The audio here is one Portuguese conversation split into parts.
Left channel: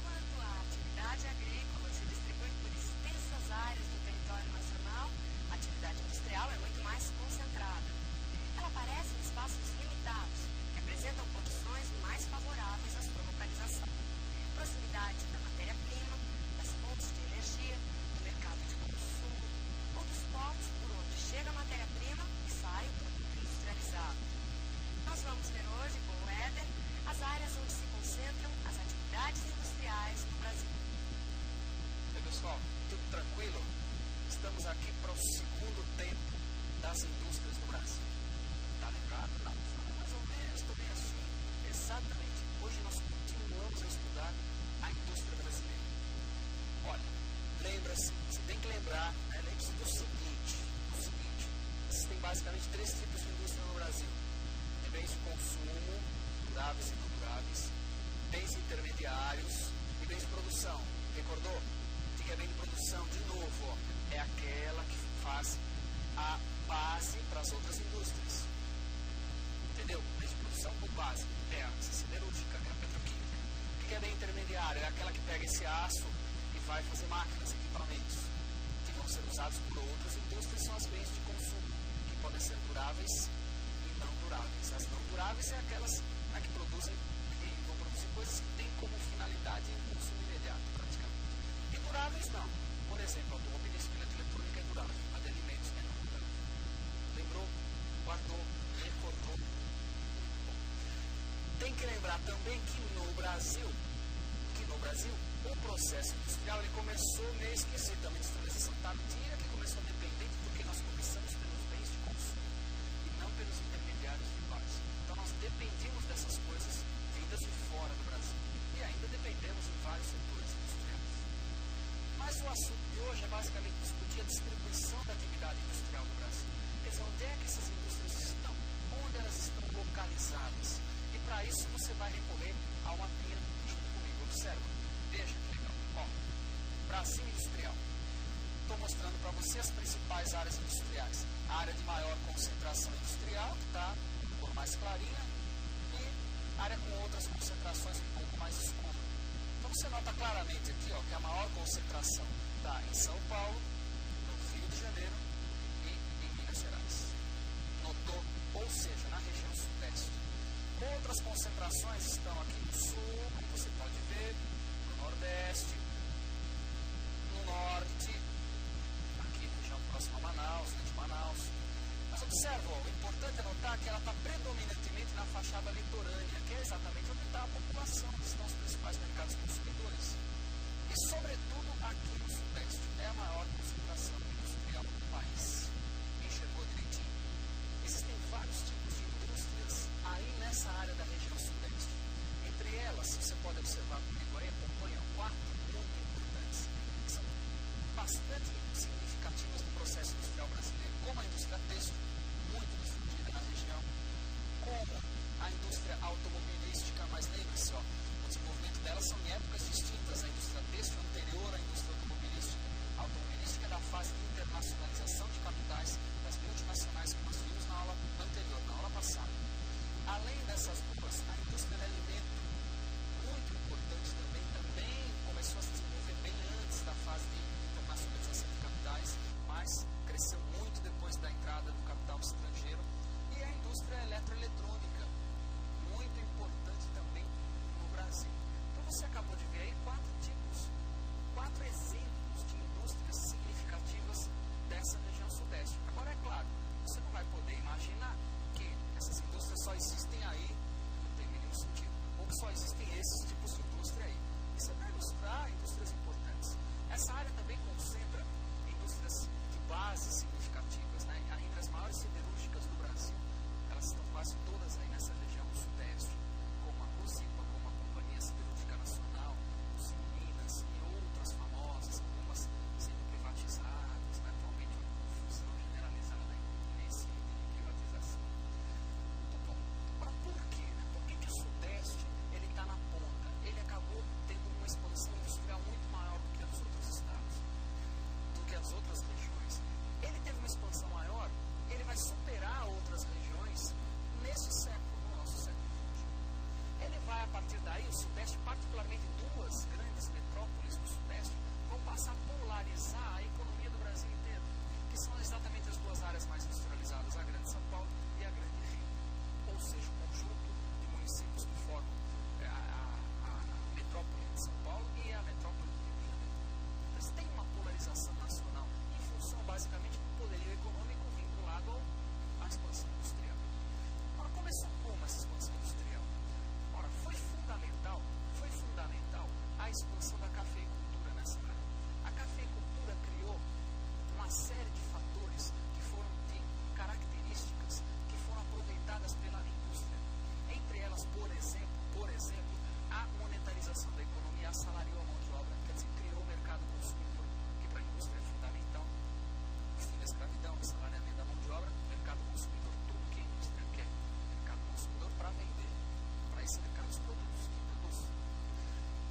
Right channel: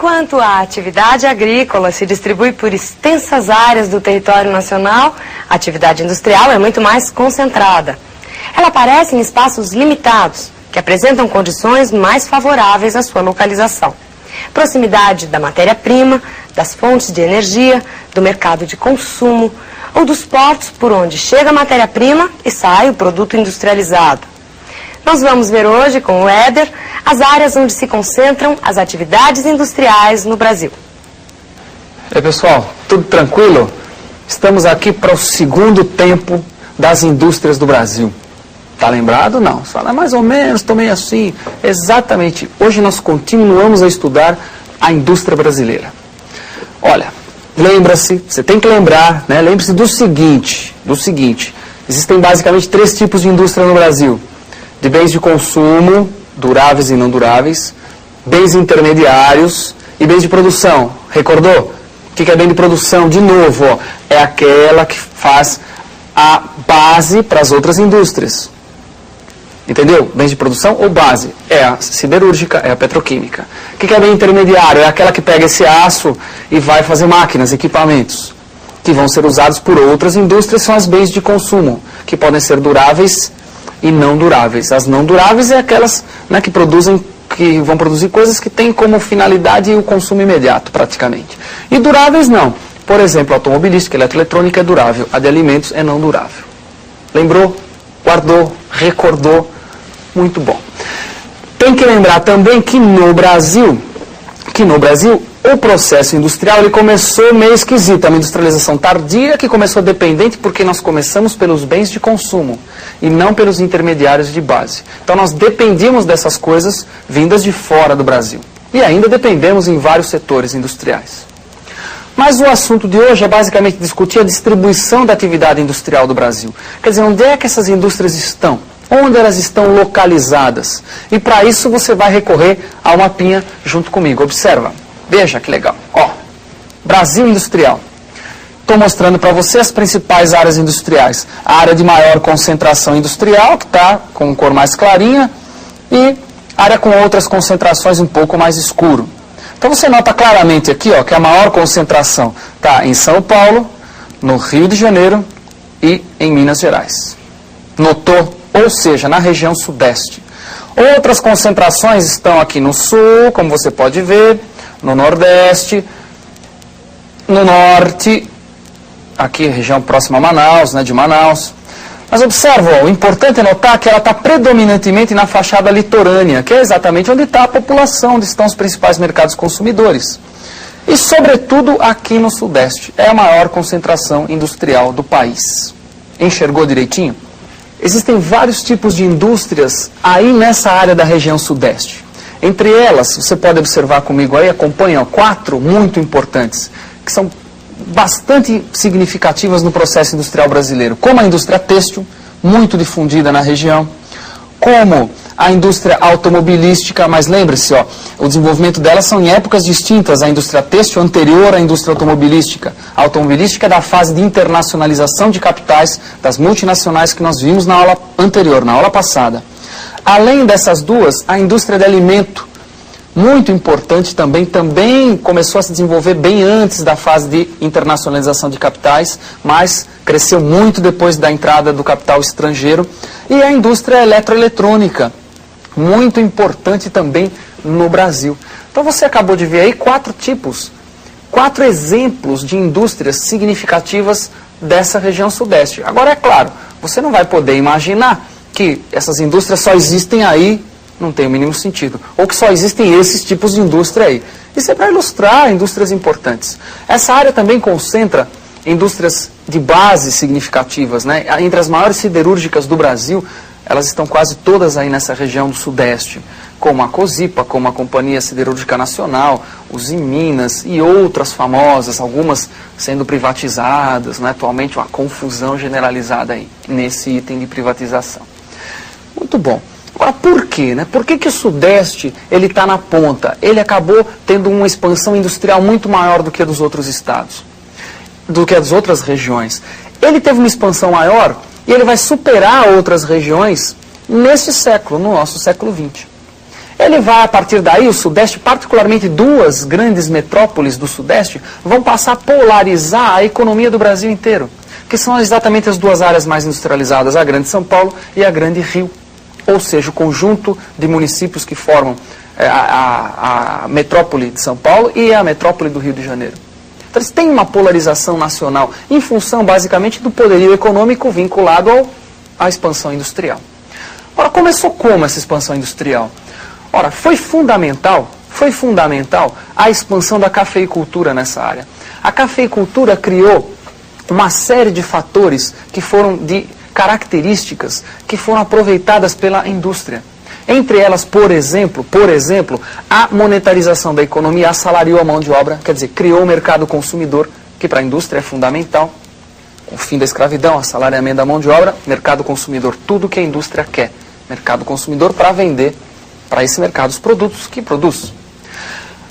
Enquanto a atividade agrícola se distribui por extensas áreas do território nacional, a atividade industrial é muito mais concentrada. Ela aparece em espaços limitados, que apresentam condições mais favoráveis à sua localização. Proximidade da matéria-prima, das fontes de energia, do mercado de consumo ou dos portos por onde chega a matéria-prima e sai o produto industrializado. Nós vamos ver hoje com o Éder as áreas onde se concentram as atividades industriais no Brasil. E aí, pessoal, tudo tranquilo? Estamos aqui para o segundo tempo das indústrias do Brasil. Tá lembrado? Não. Você fala, mais ou menos, estou meio assim. Exatamente. Hoje nós continuamos a estudar a indústria brasileira. Olha, lembra-se, você tem que lembrar, né? Lembre-se do seguinte, existem basicamente 3 tipos de indústria no Brasil. De bens de consumo, duráveis e não duráveis, bens intermediários e bens de produção. Recordou? O que é bem de produção? De novo, ó, é aquela que faz a base para as outras indústrias. Entendeu? Bens de produção ou base. É a siderúrgica, é a petroquímica. O que é bem intermediário? É aquela que pega esse aço e vai fazer máquinas, equipamentos, que vão ser usados por outras indústrias, são as bens de consumo, que podem ser duráveis e não duráveis. As não duráveis é aquelas, né, que vão produzir coisas que têm como finalidade o consumo imediato, praticamente. E duráveis não. Por exemplo, automobilística, eletroeletrônica é durável, a de alimentos é não durável. Lembrou? Guardou? Recordou? Muito bom. Tem que lembrar também que no Brasil, o processo industrial ele começou meio esquisito, uma industrialização tardia que começou dependente porque nós começamos pelos bens de consumo e não pelos intermediários de base. Então nós dependíamos dessas coisas vindas de fora do Brasil. E ainda dependemos em vários setores industriais. Mas o assunto de hoje é basicamente discutir a distribuição da atividade industrial do Brasil. Quer dizer, onde é que essas indústrias estão? Onde elas estão localizadas? E para isso você vai recorrer ao mapinha junto comigo. Observa, veja que legal. Ó, Brasil industrial. Estou mostrando para você as principais áreas industriais. A área de maior concentração industrial, que está com cor mais clarinha, e área com outras concentrações um pouco mais escuro. Então você nota claramente aqui, ó, que a maior concentração está em São Paulo, no Rio de Janeiro e em Minas Gerais. Notou? Ou seja, na região sudeste. Outras concentrações estão aqui no sul, como você pode ver, no nordeste, no norte, aqui região próxima a Manaus, né, de Manaus. Mas observa, ó, o importante é notar que ela está predominantemente na fachada litorânea, que é exatamente onde está a população, onde estão os principais mercados consumidores. E, sobretudo, aqui no sudeste. É a maior concentração industrial do país. Enxergou direitinho? Existem vários tipos de indústrias aí nessa área da região sudeste. Entre elas, você pode observar comigo aí, acompanha, ó, 4 muito importantes, que são bastante significativas no processo industrial brasileiro, como a indústria têxtil, muito difundida na região, como a indústria automobilística, mas lembre-se, ó, o desenvolvimento delas são em épocas distintas, a indústria têxtil anterior à indústria automobilística. A automobilística é da fase de internacionalização de capitais das multinacionais que nós vimos na aula anterior, na aula passada. Além dessas duas, a indústria de alimento, muito importante também começou a se desenvolver bem antes da fase de internacionalização de capitais, mas cresceu muito depois da entrada do capital estrangeiro. E a indústria eletroeletrônica, muito importante também no Brasil. Então você acabou de ver aí 4 exemplos de indústrias significativas dessa região sudeste. Agora, é claro, você não vai poder imaginar que essas indústrias só existem aí, não tem o mínimo sentido. Ou que só existem esses tipos de indústria aí. Isso é para ilustrar indústrias importantes. Essa área também concentra indústrias de base significativas, né? Entre as maiores siderúrgicas do Brasil, elas estão quase todas aí nessa região do sudeste, como a Cosipa, como a Companhia Siderúrgica Nacional, os Minas e outras famosas, algumas sendo privatizadas, né? Atualmente uma confusão generalizada aí nesse item de privatização. Muito bom. Agora, por quê? Né? Por que o Sudeste está na ponta? Ele acabou tendo uma expansão industrial muito maior do que a dos outros estados, do que as outras regiões. Ele teve uma expansão maior e ele vai superar outras regiões neste século, no nosso século XX. Ele vai, a partir daí, o Sudeste, particularmente duas grandes metrópoles do Sudeste, vão passar a polarizar a economia do Brasil inteiro, que são exatamente as duas áreas mais industrializadas, a Grande São Paulo e a Grande Rio. Ou seja, o conjunto de municípios que formam a metrópole de São Paulo e a metrópole do Rio de Janeiro. Então, eles têm uma polarização nacional em função, basicamente, do poderio econômico vinculado à expansão industrial. Ora, começou como essa expansão industrial? Ora, foi fundamental a expansão da cafeicultura nessa área. A cafeicultura criou uma série de fatores que foram de características que foram aproveitadas pela indústria. Entre elas, por exemplo, a monetarização da economia assalariou a mão de obra, quer dizer, criou o mercado consumidor, que para a indústria é fundamental. O fim da escravidão, assalariamento da mão de obra, mercado consumidor, tudo que a indústria quer. Mercado consumidor para vender para esse mercado os produtos que produz.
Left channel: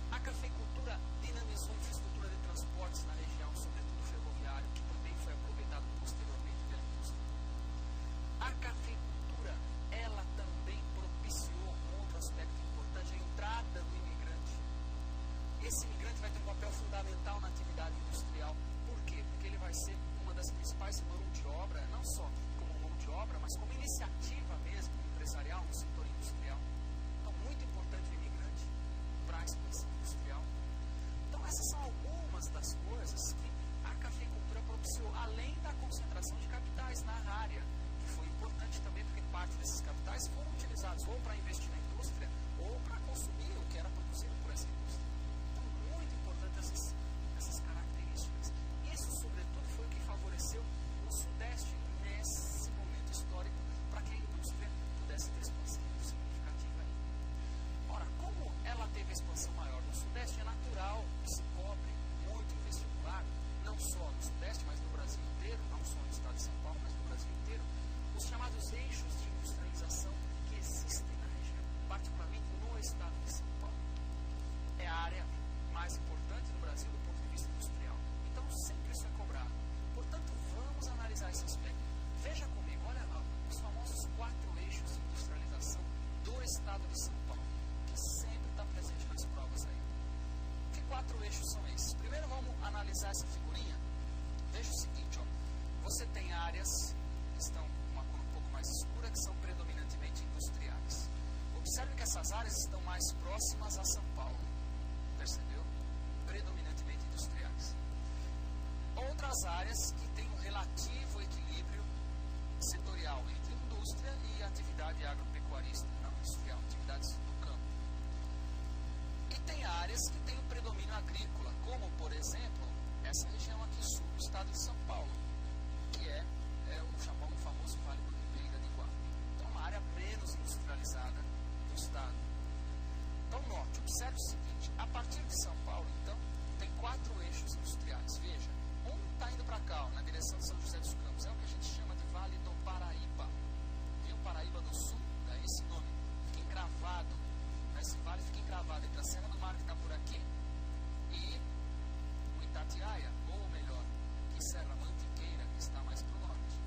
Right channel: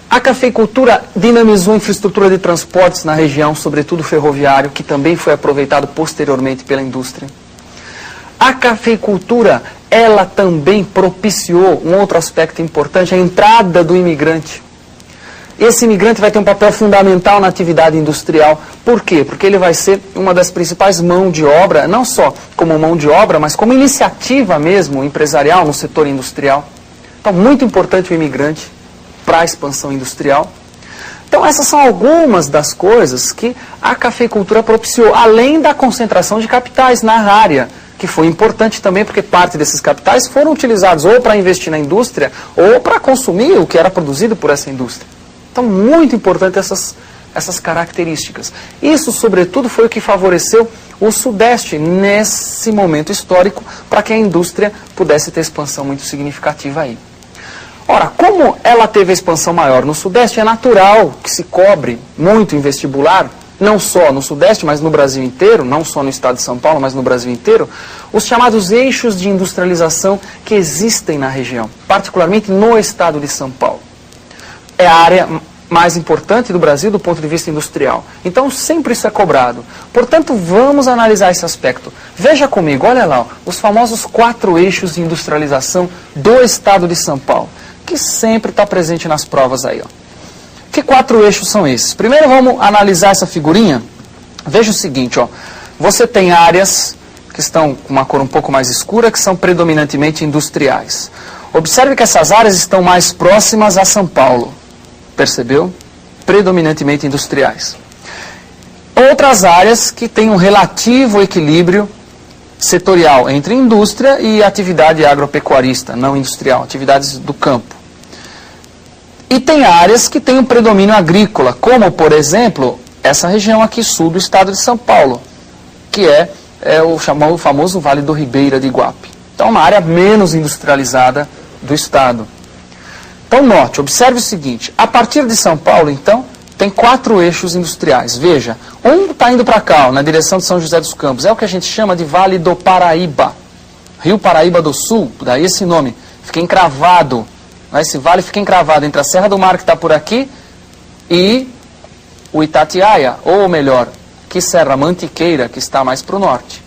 A cafeicultura dinamizou a infraestrutura de transportes na região, sobretudo ferroviário, que também foi aproveitado posteriormente pela indústria. A cafeicultura, ela também propiciou um outro aspecto importante, a entrada do imigrante. Esse imigrante vai ter um papel fundamental na atividade industrial. Por quê? Porque ele vai ser uma das principais mãos de obra, não só como mão de obra, mas como iniciativa mesmo empresarial no setor industrial. Então, muito importante o imigrante para a expansão industrial. Então, essas são algumas das coisas que a cafeicultura propiciou, além da concentração de capitais na área, que foi importante também porque parte desses capitais foram utilizados ou para investir na indústria ou para consumir o que era produzido por essa indústria. Então, muito importante essas características. Isso, sobretudo, foi o que favoreceu o Sudeste nesse momento histórico para que a indústria pudesse ter expansão muito significativa aí. Ora, como ela teve a expansão maior no Sudeste, é natural que se cobre muito em vestibular, não só no Sudeste, mas no Brasil inteiro, não só no estado de São Paulo, mas no Brasil inteiro, os chamados eixos de industrialização que existem na região, particularmente no estado de São Paulo. É a área mais importante do Brasil do ponto de vista industrial. Então, sempre isso é cobrado. Portanto, vamos analisar esse aspecto. Veja comigo, olha lá, os famosos 4 eixos de industrialização do estado de São Paulo, que sempre está presente nas provas aí, ó. Que 4 eixos são esses? Primeiro vamos analisar essa figurinha. Veja o seguinte, ó. Você tem áreas que estão com uma cor um pouco mais escura, que são predominantemente industriais. Observe que essas áreas estão mais próximas a São Paulo. Percebeu? Predominantemente industriais. Outras áreas que têm um relativo equilíbrio setorial entre indústria e atividade agropecuarista, não industrial, atividades do campo. E tem áreas que têm um predomínio agrícola, como, por exemplo, essa região aqui sul do estado de São Paulo, que é o famoso Vale do Ribeira de Iguape. Então, uma área menos industrializada do estado. Então, note, observe o seguinte, a partir de São Paulo, então, tem 4 eixos industriais. Veja, um está indo para cá, ó, na direção de São José dos Campos, é o que a gente chama de Vale do Paraíba, Rio Paraíba do Sul, daí esse nome, fica encravado. Esse vale fica encravado entre a Serra do Mar, que está por aqui, e o Itatiaia, ou melhor, que Serra Mantiqueira, que está mais para o norte.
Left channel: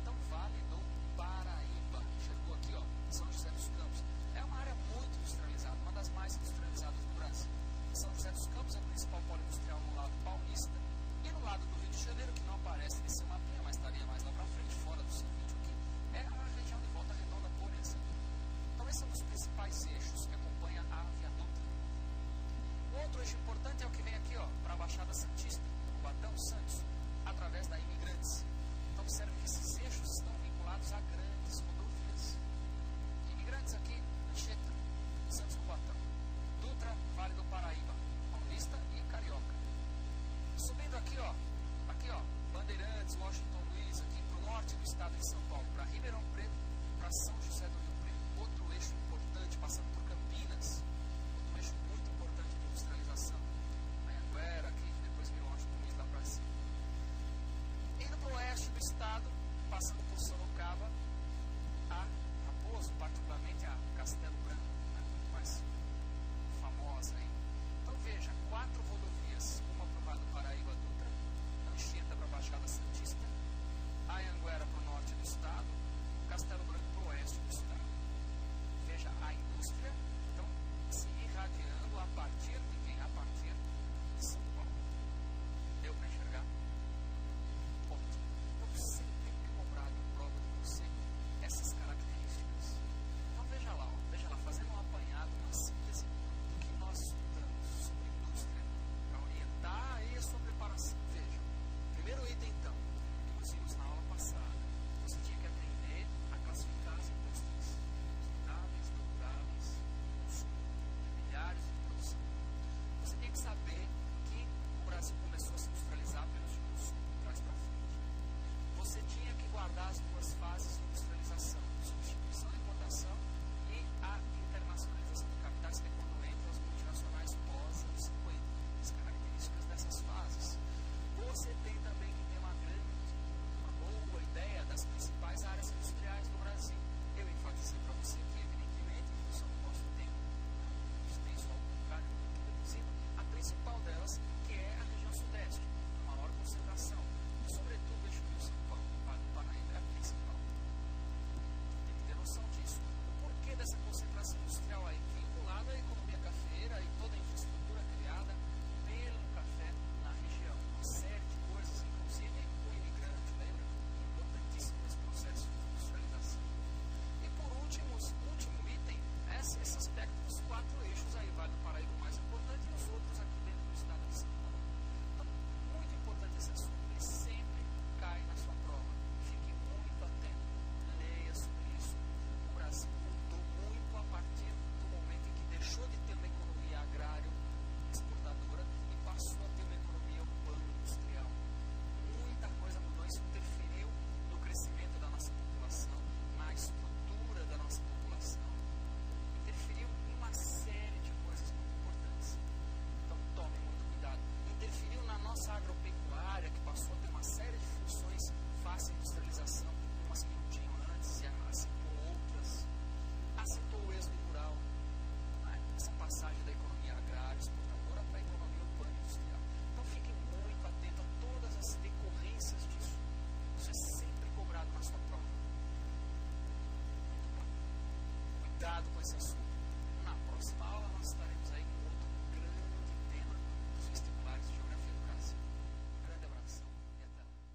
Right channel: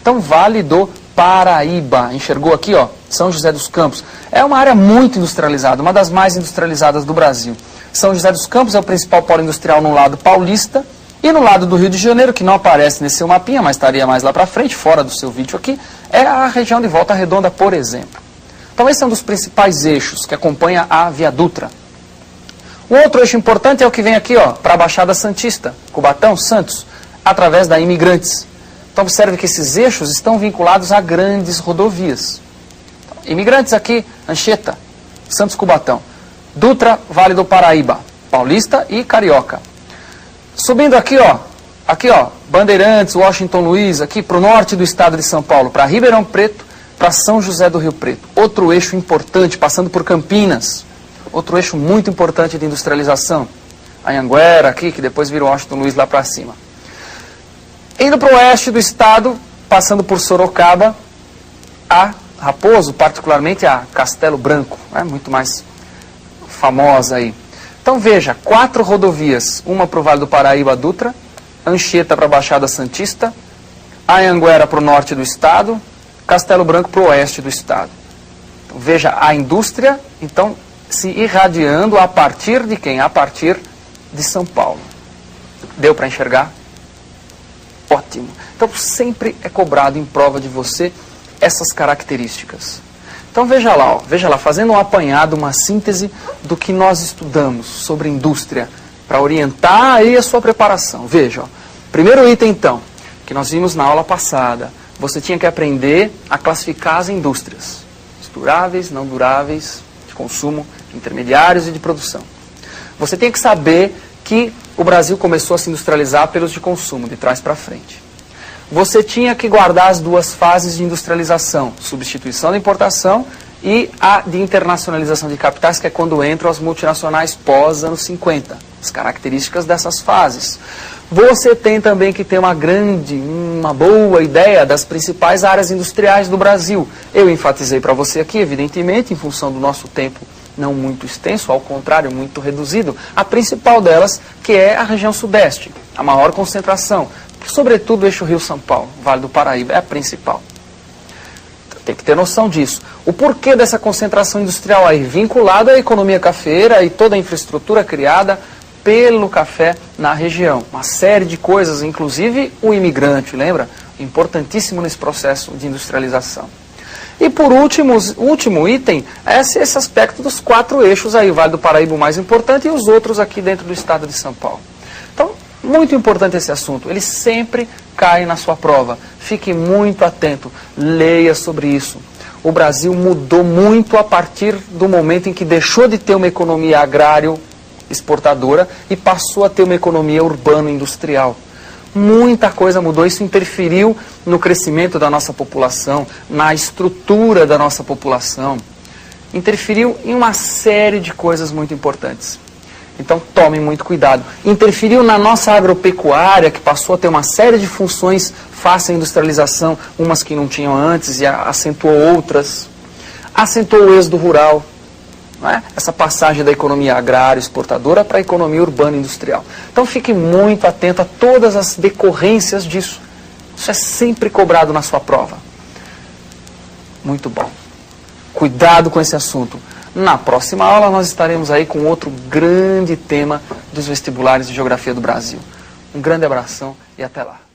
Então, Vale do Paraíba, enxergou aqui, ó, São José dos Campos. É uma área muito industrializada, uma das mais industrializadas do Brasil. São José dos Campos é o principal polo industrial no lado paulista, e no lado do Rio de Janeiro, que não aparece nesse seu mapinha, mas estaria mais lá para frente, fora do seu vídeo aqui, é a região de Volta Redonda, por exemplo. Então, esse é um dos principais eixos que acompanha a Via Dutra. O outro eixo importante é o que vem aqui, ó, para a Baixada Santista, Cubatão, Santos, através da Imigrantes. Então, observe que esses eixos estão vinculados a grandes rodovias. Então, Imigrantes aqui, Anchieta, Santos, Cubatão. Dutra, Vale do Paraíba, Paulista e Carioca. Subindo aqui, ó, Bandeirantes, Washington Luiz, aqui para o norte do estado de São Paulo, para Ribeirão Preto, para São José do Rio Preto. Outro eixo importante, passando por Campinas. Outro eixo muito importante de industrialização. Anhanguera aqui, que depois vira Washington Luiz lá para cima. Indo para o oeste do estado, passando por Sorocaba, a Raposo, particularmente a Castelo Branco, né, muito mais famosa aí. Então veja, 4 rodovias, uma para o Vale do Paraíba, Dutra, Anchieta para a Baixada Santista, Anhanguera para o norte do estado, Castelo Branco para o oeste do estado. Então, Veja, a indústria, então, se irradiando a partir de quem? A partir de São Paulo. Deu para enxergar? Ótimo. Então, sempre é cobrado em prova de você essas características. Então, veja lá, fazendo um apanhado, uma síntese do que nós estudamos sobre indústria, para orientar aí a sua preparação. Veja, ó, primeiro item, então, que nós vimos na aula passada, você tinha que aprender a classificar as indústrias. Duráveis, não duráveis, de consumo, intermediários e de produção. Você tem que saber que o Brasil começou a se industrializar pelos de consumo, de trás para frente. Você tinha que guardar as duas fases de industrialização, substituição da importação e a de internacionalização de capitais, que é quando entram as multinacionais pós-anos 50, as características dessas fases. Você tem também que ter uma boa ideia das principais áreas industriais do Brasil. Eu enfatizei para você aqui, evidentemente, em função do nosso tempo não muito extenso, ao contrário, muito reduzido, a principal delas, que é a região sudeste, a maior concentração, sobretudo o eixo Rio-São Paulo, Vale do Paraíba, é a principal. Tem que ter noção disso. O porquê dessa concentração industrial aí, vinculado à economia cafeeira e toda a infraestrutura criada pelo café na região. Uma série de coisas, inclusive o imigrante, lembra? Importantíssimo nesse processo de industrialização. E por último item, é esse aspecto dos 4 eixos aí, o Vale do Paraíba o mais importante e os outros aqui dentro do estado de São Paulo. Então, muito importante esse assunto, ele sempre cai na sua prova. Fique muito atento, leia sobre isso. O Brasil mudou muito a partir do momento em que deixou de ter uma economia agrário exportadora e passou a ter uma economia urbano-industrial. Muita coisa mudou, isso interferiu no crescimento da nossa população, na estrutura da nossa população, interferiu em uma série de coisas muito importantes. Então tome muito cuidado. Interferiu na nossa agropecuária, que passou a ter uma série de funções face à industrialização, umas que não tinham antes e acentuou outras. Acentuou o êxodo rural. Não é? Essa passagem da economia agrária exportadora para a economia urbana industrial. Então fique muito atento a todas as decorrências disso. Isso é sempre cobrado na sua prova. Muito bom. Cuidado com esse assunto. Na próxima aula nós estaremos aí com outro grande tema dos vestibulares de Geografia do Brasil. Um grande abração e até lá.